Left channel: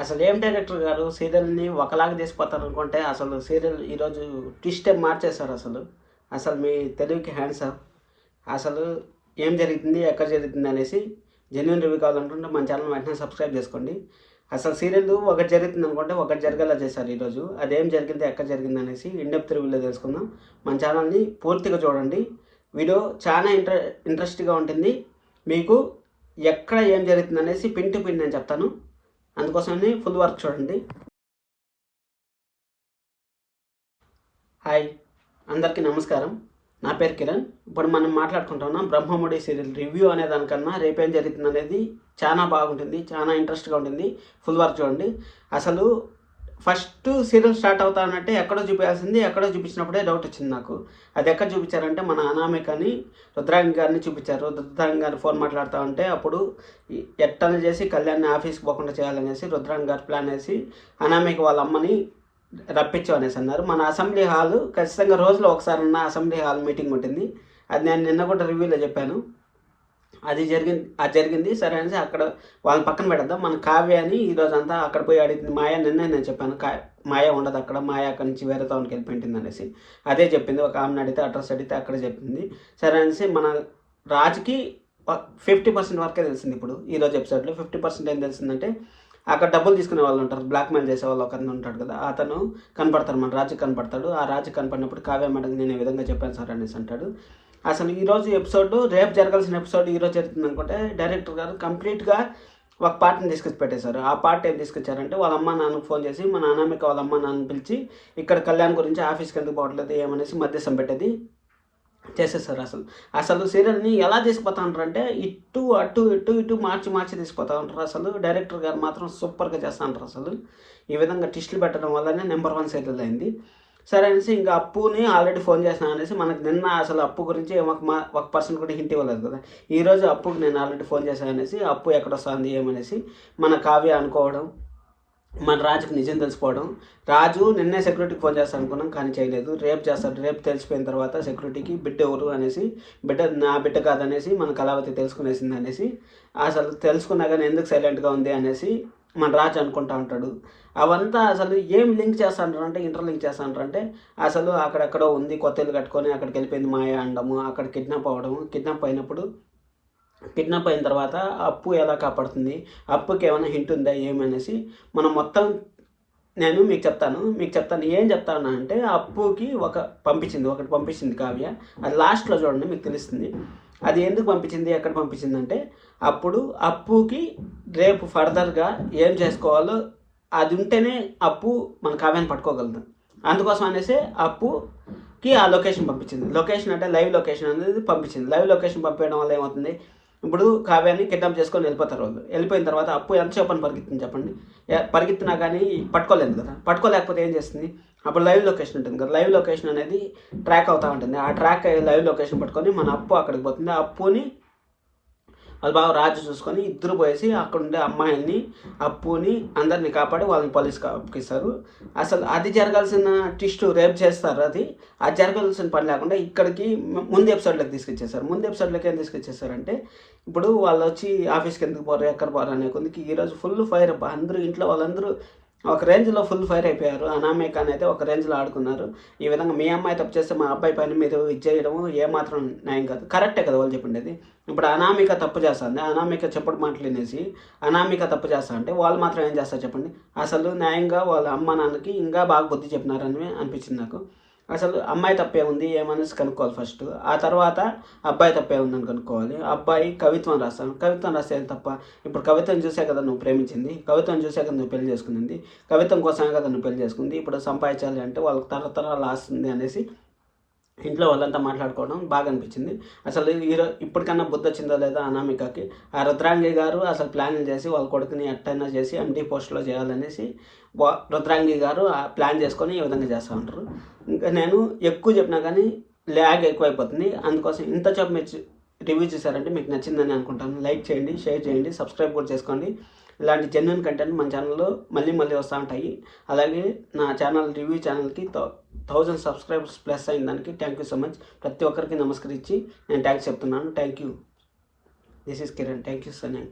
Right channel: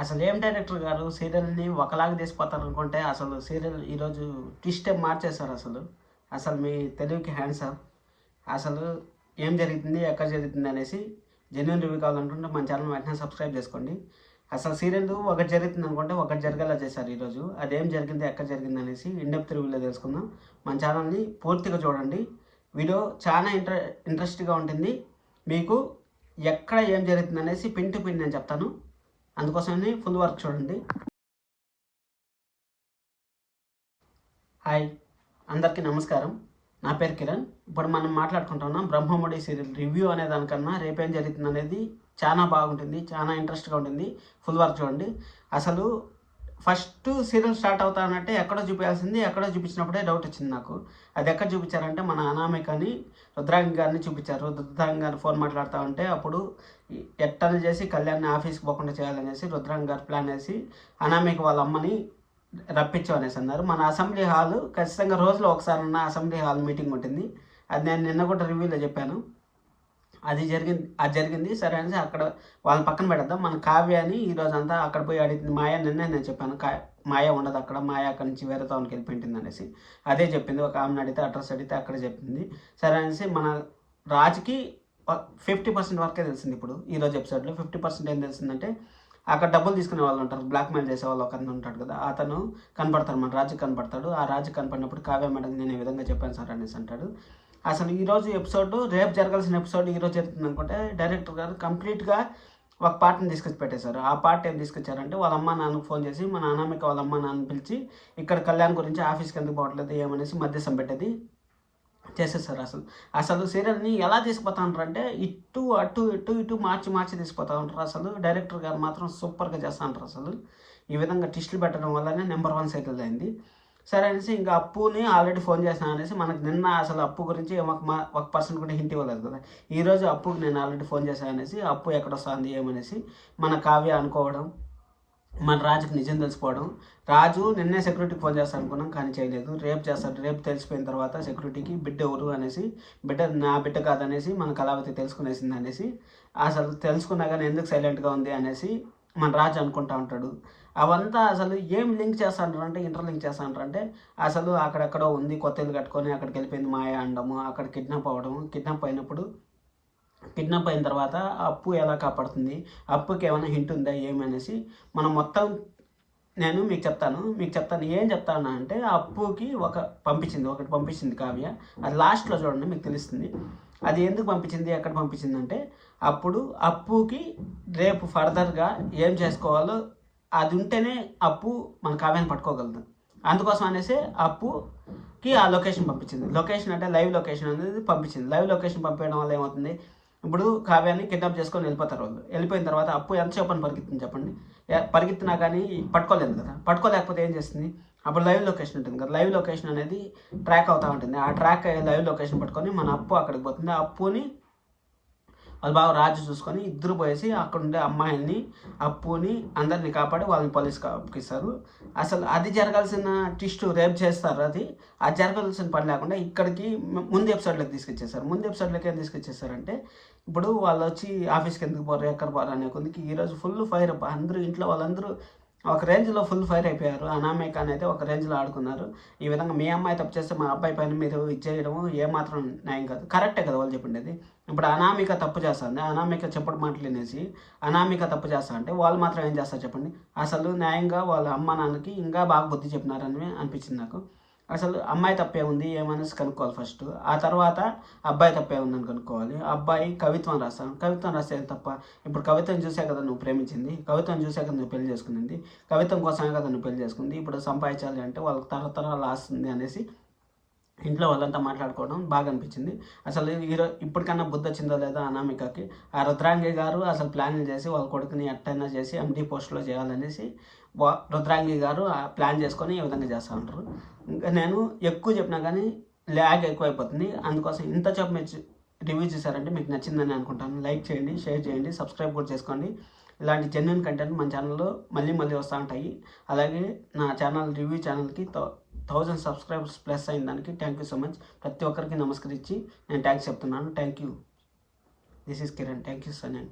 అసలు ఏం డైరెక్టర్ గారు సీరియల్ని ఒకలాగా తీసిపోతారు అనుకుంటే అసలు సీరియల్ ఈరోజు ట్విస్ట్ మార్చేశారు. అసలు మీ తెలుగుకి హ్యాండ్స్ ఆఫ్. అసలు ఏం జరుగుతుంది, ఎక్కడ జరుగుతుంది అనేసి జెన్యున్ రివ్యూ కావాలనుకుంటే మన ఛానల్ వెంటనే సబ్స్క్రైబ్ చేసుకోండి. అసలు సీరియల్ ఒకటి జరుగుతుంది అనుకుంటే ఒకటి జరిగేలా చేశారు ఈరోజు. అదేం జరిగింది, ఎక్కడ జరిగింది అనేసి ఇన్డెప్త్ రివ్యూలో తెలుసుకుందాం. మన ఛానల్ని పూర్తిగా చూడండి. వీడియో చాలా ఇంట్రెస్ట్గా ఉంటుంది. మీకు ఎక్కడ ఏం జరుగుతుంది అనేసి పిన్ టు పిన్ నేను చెప్తాను. అందుకోసమని ఫుల్ వర్క్ చూడండి. హాయ్, అందరికీ నమస్కారం. నా పేరు కిరణ్. ఇప్పుడు మనం మాట్లాడుకుంటున్నాం బ్రహ్మముడి సీరియల్ రివ్యూ అనే దానికన్నా రేపేం జరుగుతుంది అనేది చాలా బాగుంటుంది, చాలా ఇంట్రెస్ట్గా ఉంటుంది. ఫుల్ వర్క్ చూడండి. అసలు ఫస్ట్ సీరియల్ స్టార్ట్ అవుతానంటే ఎక్కడో చూపించాల్సింది ఎక్కడో చూపించినప్పుడే డౌట్ వచ్చింది నాకు. అది ఎక్కడ చూపించారంటే మన అనామికని రుద్రాంగి గారిని చూపించారు. రుద్రాంగి గారు ఫోన్ మాట్లాడుతూ ఉంటే అప్పుడు ఎట్టని చేసి కళ్యాణ్ని ఆఫీస్కి పోకుండా చేయాలనేసి రుద్రాంగి గారు ప్లాన్ వేసి అనామిక వాళ్ళ అమ్మని రప్పించు అనేసి అన్నారు. మన అసెంబ్లీ హాల్ ఖచ్చితంగా రోజులో ఒకసారి ఉన్న అసెంబ్లీ హాల్ మీటింగ్ ఉంటుంది. అది నేను నిన్న కూడా రివ్యూలో చెప్పాను. అది జరిగింది సరే అనేసి అక్కడ వాళ్ళని పక్కన పెడద్దాం. మన కావ్య అని ఈరోజు అంతా అక్కడ పోయి అడిగింది. మాయ నిన్నే నేను చెప్పాను మాయ ఉండదు అక్కడ, మాయ అక్కడి నుంచి వేరే టౌన్కి వెళ్ళిపోయింది అనేసి అదే చెప్పింది. ఒక ఆమెను అడిగితే అడ్రస్ అడిగితే అక్కడ చెప్పింది. సరే అనేసి మన రాజుకి 50% వరకే తెలిసింది. ఇప్పుడు ఈరోజు ఎపిసోడ్లో 50% ఏం తెలిసిందంటే అక్కడ డబ్బులు తీసుకునే వాళ్ళు ఉంటారు, బ్లాక్మెయిల్ చేసే వాళ్ళు ఒక అతను ఉంటాడు కదా, అతను కనపడతాడు, మన రాజు కనపడతాడు. ఆ రాజు కనపడినప్పుడు కావ్య మేడం నేను ఈ విధంగా చెప్పాను సార్ అనేసి అంటాడు. అసలు ఈరోజు ఎపిసోడ్ రేపు జరగాల్సిన ఎపిసోడ్ ఈరోజు జరుగుతుంది అనుకుంటే డైరెక్టర్ గారు కంప్లీట్గా ఒక పార్ట్ని తీసుకొచ్చి పెట్టేశారు. ఆ పార్ట్ ఏం తీసుకొచ్చారంటే వాళ్ళ అమ్మ నాన్నకు ఫోన్ చేసి మన అనామిక వాళ్ళ అమ్మ నాన్న పిలిచి ఇక్కడ కళ్యాణ్ గురించి ఆఫీస్కి ఎందుకు పోవట్లేదు ఏమనేసి మధ్యస్థం పెట్టేది చేసేసారు. అసలు సీరియల్ని ఎలా తీసుకుపోతా ఉంటారు అంటే ఇటు అటు ఇటు ఇటు మార్చి తీసుకుపోతూ ఉంటారు. అసలు డైరెక్టర్ గారు మాత్రం సూపర్గా చేస్తూ ఉంటారు. అసలు ఈ విధంగా టిస్టులు పెట్టడం వల్లనే నెంబర్ 1 సీరియల్ అయింది. సరే అనేసి ఇంకా అప్పుని ఆల్రెడీ ఫోన్ చేసినా అనేసి మనకు నిన్న అసలు అప్పు గురించి ఒక పర్సన్ కూడా హింట్ ఇవ్వలేదు కదా. ఈరోజు అప్పుకి నేను ఆల్రెడీ ఫోన్ చేశాను అనేసి అప్పు ఎక్కడ వస్తుంది ఏమనేసి మన కావ్య అనుకోవడం, మన రాజుకి నిజం తెలిసిపోవడం. రాజు నిన్నే సెక్యూరిటీకి ఫోన్ చేస్తాను అనుకున్నాం కానీ చేయలేదు. రేపు చేస్తాడు. రేపు తెలిసిపోయిన తర్వాత సెక్యూరిటీకి బిడ్డ ఎవరు అనేసి, బిడ్డ నా బిడ్డ కాదనేసి మన కళావతి తెలుసుకునేసింది అనేసి, అసలు తెలుసుకున్నా కానీ ఎందుకు సైలెంట్గా ఉంది అనేసి మన రాజు అనుకుంటా ఉంటాడు. అవంతా అసలు ఏం లింక్ చేస్తాంటారంటే ఇంటర్లింక్ చేస్తాంటారంటే అసలు అక్కడెక్కడో ఉంది, కొత్త ఇల్లు కట్టుకొని అక్కడికి వెళ్ళిపోయింది మాయ అనడము, అక్కడ కిడ్నాప్ అవ్వడము, కిడ్నాప్ అయిన తర్వాత అప్పు ఎలా కాపాడుతుంది, అప్పుకి ఏమైనా హింట్ ఉందా ఏమనేసి మనం మొత్తం నేను మీకు చెప్తాను. ఏం చెప్తాను అంటే అప్పుకి ఒకటి పంపించింది కావ్య. అది లాస్ట్లో చూడండి మీకు తెలుస్తుంది. అది ఎందుకు పంపించింది, ఎక్కడ పంపించింది అంటే అప్పుడు అప్పుకి రేపు ఫర్దర్గా ఏం చేసుకోవాలో అది ఉంటేనే అప్పు మన కావ్యాన్ని పట్టుకోగలదు. అందుకోసం అనేసి అప్పుకి ఆ లొకేషన్ పంపించింది. లొకేషన్ అంటే లైవ్ లొకేషన్ అనేది పంపించింది. లైవ్ లొకేషన్ పంపించడం వల్ల ఏమవుతుంది, ఇప్పుడు కావ్యాన్ని కిడ్నాప్ చేసుకొని వెళ్ళిపోతారు వాళ్ళు. వెళ్ళిపోయిన తర్వాత అప్పు ఎంతసేపు అని పరిగెత్తుంది చెప్పండి. పరిగెత్తినా కానీ పట్టుకోలేదు కదా. పట్టుకోలేకపోతే ఏం చేస్తుంది, అప్పుడు లైవ్ లొకేషన్ ఉంటుంది కదా. లైవ్ లొకేషన్ అనేది ట్రాక్ అవుతూ ఉంటుంది. ఆ ట్రాక్ లైవ్ లొకేషన్ పట్టుకొని మన అప్పు అక్కడికి పోతుంది. ఆ అప్పుని వాళ్ళు బాగా రాజు చూసుకొని ఇద్దరు పోయేసి అక్కడ ఉండే అమ్మాయిల్ని అప్పుని అందరినీ కాపాడి వాళ్ళని పోలీస్కి అప్పగిస్తారు. అసలు అది జరగాల్సిన ట్విస్ట్ రేపు చేస్తారు. అది జరగాల్సిన పని లేకుండా ఇక్కడికి ముందు ఎపిసోడ్లోకి తీసుకొచ్చేసారు. ముందు ఎపిసోడ్లోకి ఏం తీసుకొచ్చేసారంటే ఇప్పుడు వాళ్ళు వచ్చి ఆఫీస్కి ఎందుకు పోరు, ఎక్కడ పోరు అనే కొందికి ఈరోజు ఫుల్ ఫైర్. అందరూ ఇంట్లో వాళ్ళందరూ ఒక రేంజ్లో ఫుల్ ఫైర్ అయిపోయారు. అనామికాని అయితే ఒక రేంజ్లో ఆడుకున్నారు. ఈ విధంగా మీ అమ్మాయి తప్పు చేస్తే మా అబ్బాయి పైన మీరు ఇచ్చేయడము ఏమాత్రం న్యాయం కాదు. కరెక్టే కదా వాళ్ళు చెప్పిండేది. ఇప్పుడు అనామిక తప్పు చేస్తుంది, అనామిక చెప్పుడు మాటలు వినేసి అనామిక తప్పు చేస్తా అంటే వాళ్ళు మాత్రం ఏం చేస్తారు చెప్పండి. అసలు న్యాయంగా వాళ్ళ అమ్మ నాన్నకి ఇంకా బాగా బుద్ధి చెప్పినారని అనిపించింది నాకు. అసలు అమ్మాయి తప్పే ఉంది ఏమనేసి కనుక్కోవాలి ఫస్ట్. ఆ తర్వాత అబ్బాయి తప్పే ఉందని కనుక్కోవాలి. అబ్బాయి కవిత్వం రాస్తే ఏం తప్ప. ఇప్పుడు కవిత్వం చూసే కదా నువ్వు ప్రేమించింది, కవిత్వం చూసే కదా నువ్వు పెళ్లి చేసుకునింది, కవిత్వం కోసమే కదా నువ్వు పెళ్లి చేసుకుంది. ఇప్పుడు సంపాదించాలి అంటే వాళ్ళకి తరతరాలు ఆస్తుంది అనేసి ఇంట్లో వాళ్ళంతా మాట్లాడుకోవడం బాగా అనిపించింది. అసలు ఇప్పటికన్నా బుద్ధి వచ్చిందో లేదా అనామికకి. ఆ రుద్రాంగి గారు అసలు ప్లాన్లు చేసి వాళ్ళ కొడుకుని ఎట్టైనా చేసి ఎండి పోస్ట్లో చేయాలనేసి రుద్రాంగి గారు ప్లాన్ చేసుకొని ఈ విధంగా చేస్తూ ఉంటారు. ఇంకా నేను ఎక్కువ చెప్పినా కానీ ల్యాగ్ ఎక్కువైపోతుంది. అందుకోసం ఇంత చెప్పు మీరు రివ్యూ చేశారంటే మీకు నచ్చిందని అనుకుంటాను. లైక్ చేయండి, షేర్ చేయండి, సబ్స్క్రైబ్ కూడా చేసుకోండి. ఇలాంటి జెన్యున్ కంటెంట్ మన ఛానల్లో మళ్ళీ వస్తూ ఉంటాయి. అలాగే నా ఛానల్ రివ్యూ ఛానల్కి 1000 సబ్స్క్రైబర్స్ ప్లస్ అయిన దానికి థ్యాంక్ యూ సో మచ్. ప్రతి ఒక్కరికి నమస్కరించి నేను థ్యాంక్స్ చెప్తున్నాను. Thank you. This is Kiran. Thank you so much.